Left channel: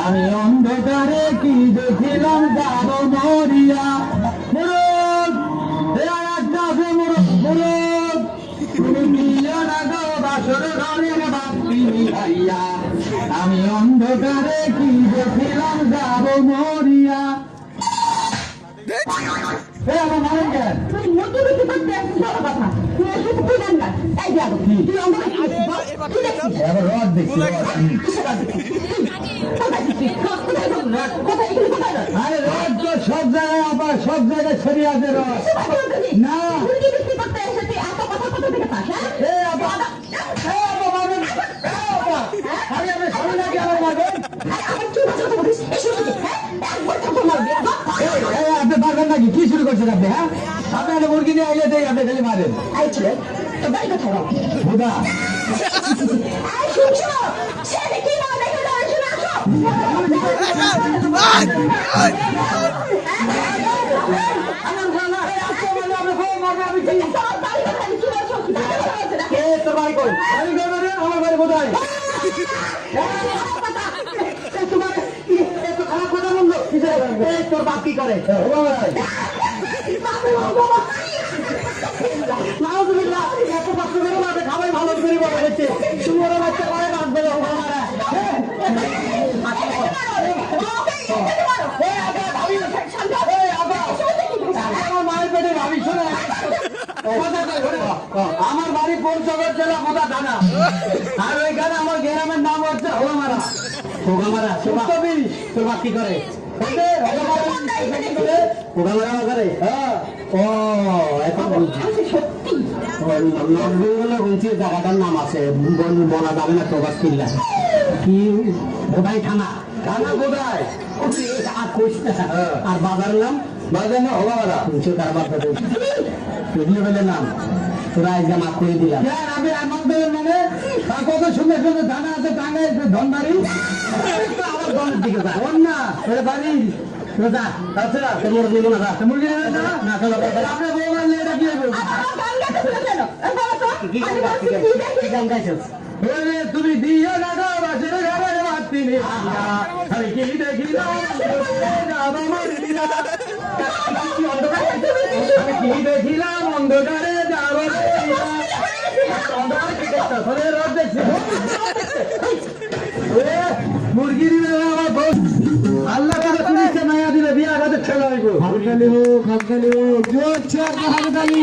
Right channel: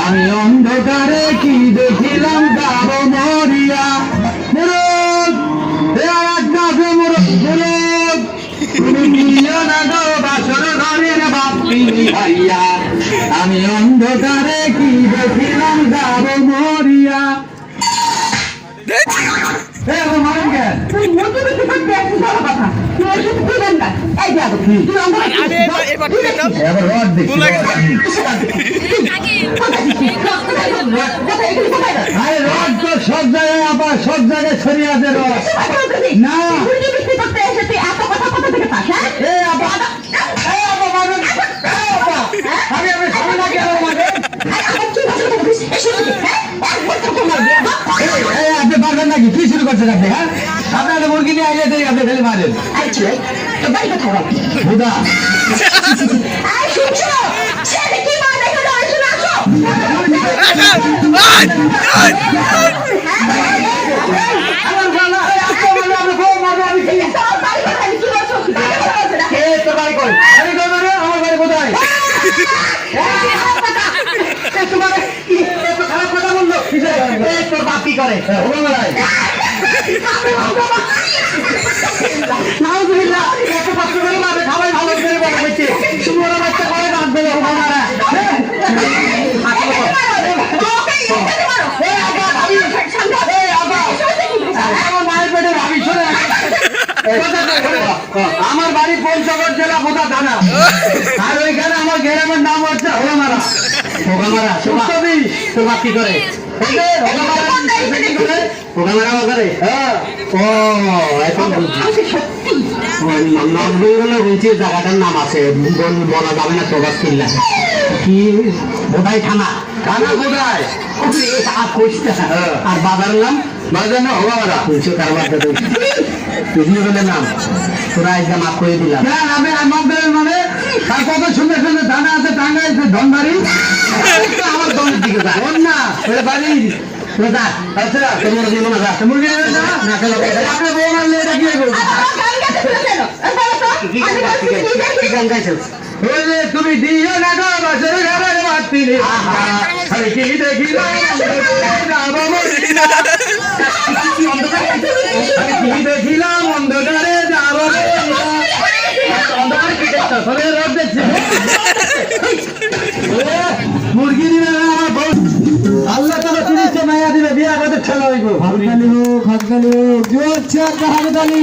আমি অন্ধকারে কি দেখিলাম যাব মরিয়া আমি অন্ধকারে কি দেখিলাম যাব মরিয়া সব জায়গায় আবার সব জায়গায় ছড়িয়ে আছে না আপনি পারবেন নাকি কি শুরু করছেন আপনি? হ্যাঁ আপনার মুরগি নিয়ে আইলে তো আপনি ফেলে মারেন বুধা তোর বাপ কি করে সবাই ভালো করে বলা হচ্ছে আমার বাড়ি পঞ্চগড় জেলা বোধা থানা আর ওইখানে আমার গ্রামের নাম হচ্ছে হোলামারা হোগামারা তোর বাপ কি করে জায়গাটার নাম আছে বলা যাবে না প্রভাস কিল্লা কি বোধাই থানা থানা বোধায় আর বাজারের নাম বাজার না হোগামারা নাম তোরা একদম মাফ করে দিলাম আমি আমাদের মানে কত সুন্দর সুন্দর থানা আছে থানা আছে ধনবাড়ি আমার দলের দিকে না বাড়ি আচ্ছা তোমার মনে আছে মুরগি না চলো আপনি বললে এটা কি গান গাইছো তুমি দিও না গো বাসের ঘরে বাতি খালি কি দেখিলাম কি দেখিলাম অন্ধকারে যাব মুরগি দিবে আমার আল্লাহ তোরা তিরিশটা মায়া দিবে বিয়া বাদে খেলা হইব হাততালি হোক জোর চেয়ার হাততালি